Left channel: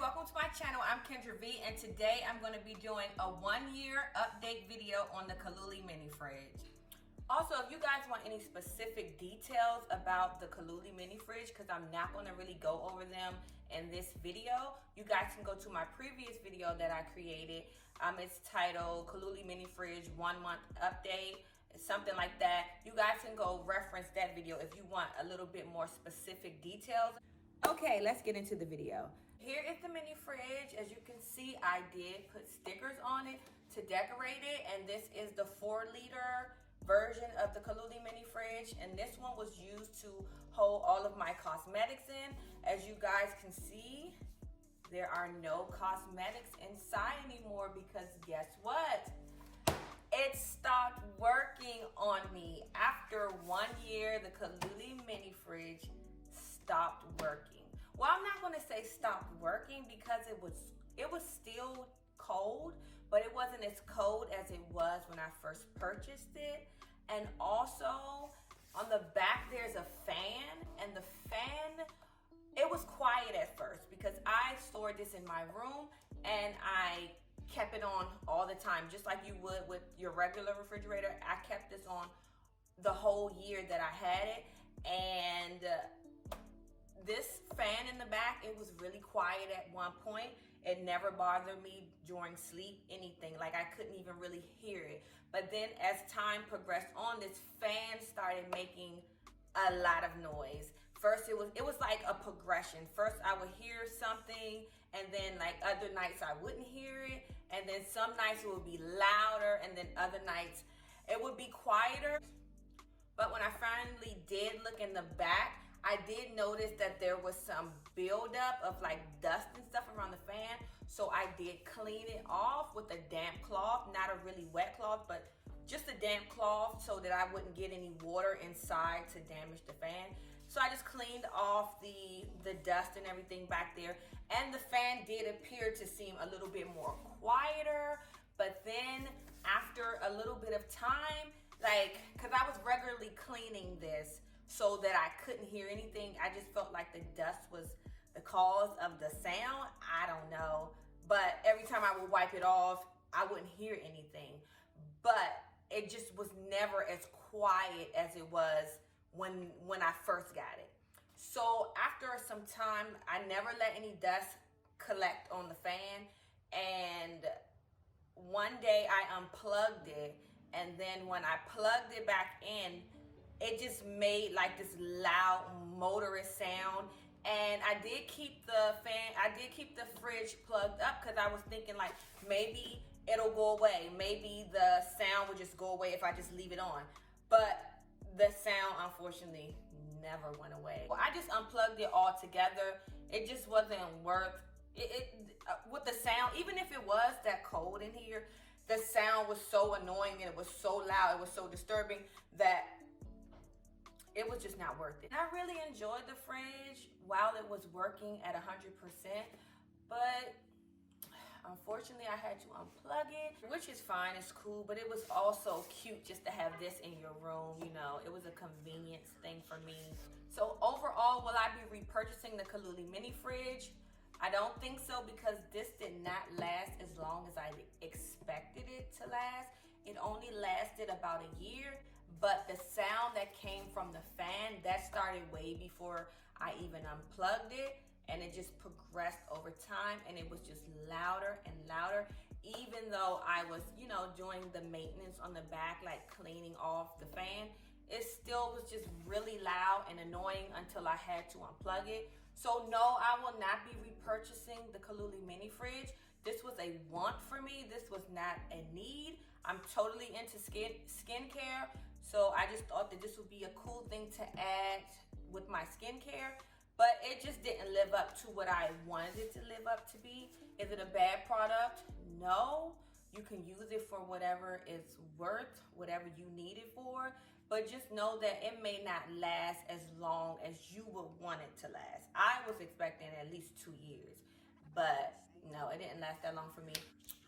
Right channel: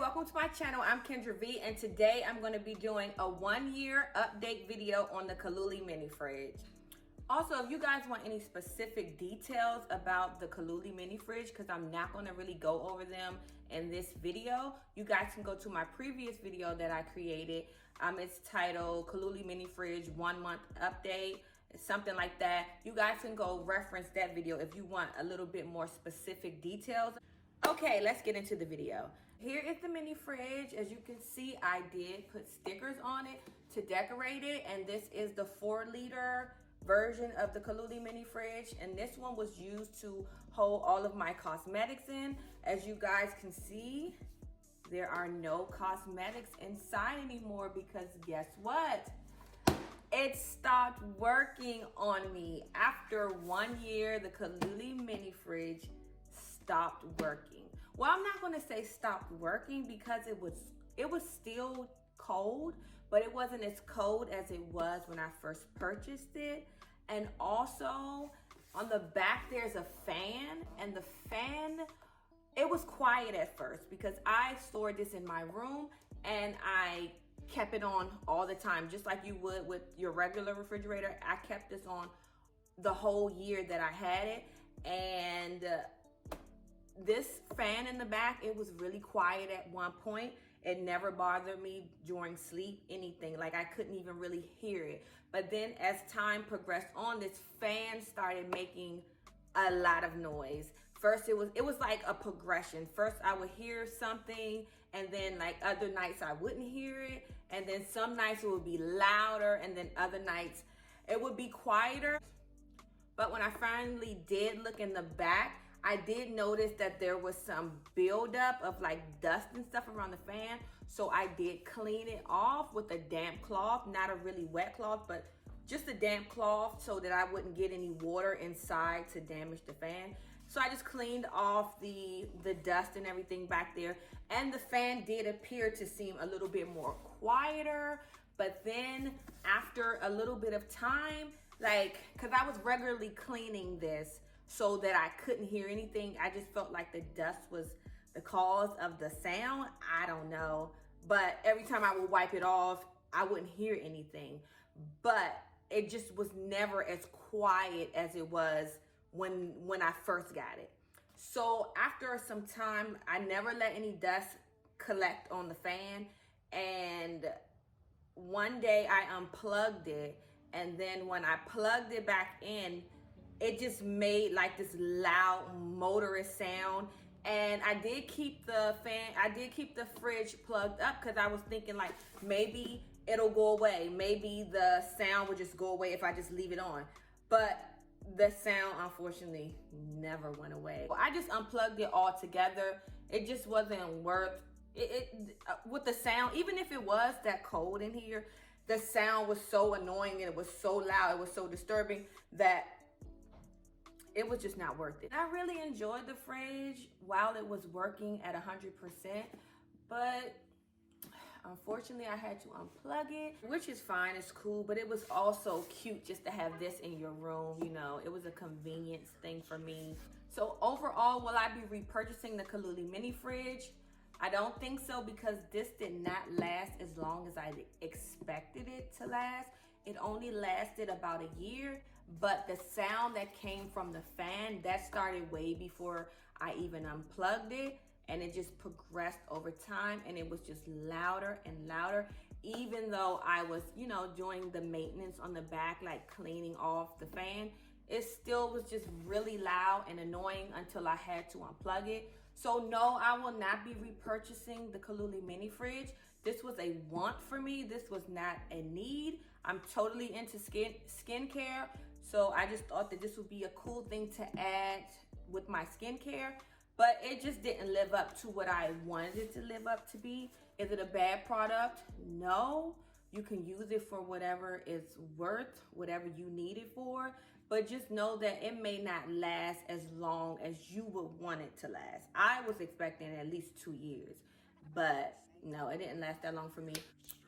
welcome to my channel. I'm Kendra V, and today I'm going to be doing a 1-year update video on the Kaluli mini fridge. Also, if you guys want any specific details about the Kaluli mini fridge, because I'm not going to really go over them in this video, you guys can go to my previous video that I created. It's titled Kaluli mini fridge 1 month update, something like that. You guys can go reference that video if you want a little bit more specific details. Okay, let's get into the video. Here is the mini fridge. As you can see, I did put stickers on it to decorate it, and this is the 4-liter version of the Kaluli mini fridge, and this one was used to hold all of my cosmetics in. As you guys can see, there are no cosmetics inside anymore because guess what? It stopped working on me. After 1 year, the Kaluli mini fridge stopped working. Well, I'm not going to say stopped working because it was still cold, but it wasn't as cold as it was when I first purchased it. And also on the back there's a fan, and the fan, it was quiet at first because I stored this in my room and I kept it on all the time, just like you would with your regular refrigerator. I kept this on the whole year that I had it, and this fan in the back, it was really quiet at one point. It never bothered me during sleep, anything. Like, I couldn't even really hear it. But then as time progressed on, this fan started making a lot of noise. First, it was like a progression. First, I would hear something, and then like other nights I wouldn't hear it. And then some nights it would be louder, and then other nights it would be quieter. But when I finally did look in the back, I did notice that there was some buildup of like dust and stuff around the fan. So I did clean it off with a damp cloth, not a really wet cloth, but just a damp cloth so that I wouldn't get any water inside to damage the fan. So I just cleaned off the dust and everything back there. And the fan did appear to seem a little bit more quieter. But then after a little bit of time, cause I was regularly cleaning this so that I couldn't hear anything. I just felt like the dust was the cause of the sound. I don't know. But every time I would wipe it off, I wouldn't hear anything. But it just was never as quiet as it was when I first got it. So after some time, I never let any dust collect on the fan. And one day I unplugged it. And then when I plugged it back in, it just made like this loud motorist sound. And I did keep the fridge plugged up because I was thinking like maybe it'll go away. Maybe the sound would just go away if I just leave it on. But the sound unfortunately never went away. Well, I just unplugged it all together. It just wasn't worth it with the sound. Even if it was that cold in here, the sound was so annoying and it was so loud, it was so disturbing that it was just not worth it. I really enjoyed the fridge while it was working at 100%, but unfortunately I had to unplug it, which is fine, it's cool, but it was also cute just to have this in your room, you know. It was a convenience thing for me. So overall, will I be repurchasing the Kaluli mini fridge? I don't think so, because this did not last as long as I expected it to last. It only lasted about a year, but the sound that came from the fan, that started way before I even unplugged it, and it just progressed over time, and it was just louder and louder. Even though I was, you know, doing the maintenance on the back, like cleaning off the fan, it still was just really loud and annoying until I had to unplug it. So no, I will not be repurchasing the Kaluli mini fridge. This was a want for me. This was not a need. I'm totally into skincare. So I just thought that this would be a cool thing to add with my skincare. But it just didn't live up to what I wanted it to live up to be. Is it a bad product? No. You can use it for whatever it's worth, whatever you need it for. But just know that it may not last as long as you would want it to last. I was expecting at least 2 years, but no, it didn't last that long for me.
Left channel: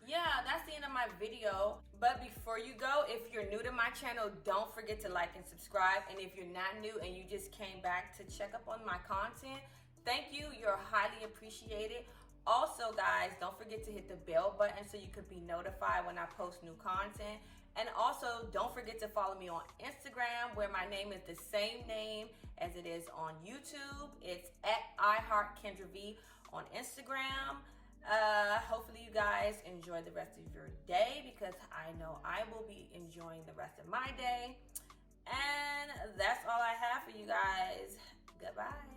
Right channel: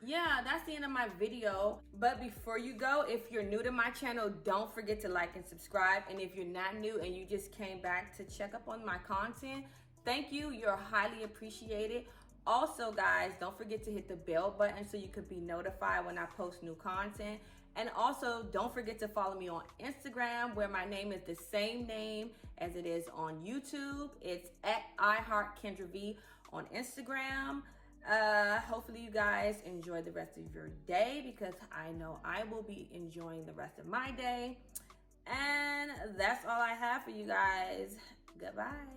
Yeah, that's the end of my video. But before you go, if you're new to my channel, don't forget to like and subscribe. And if you're not new and you just came back to check up on my content, thank you. You're highly appreciated. Also, guys, don't forget to hit the bell button so you could be notified when I post new content. And also, don't forget to follow me on Instagram, where my name is the same name as it is on YouTube. It's at iHeartKendraV on Instagram. Hopefully you guys enjoy the rest of your day, because I know I will be enjoying the rest of my day. And that's all I have for you guys. Goodbye.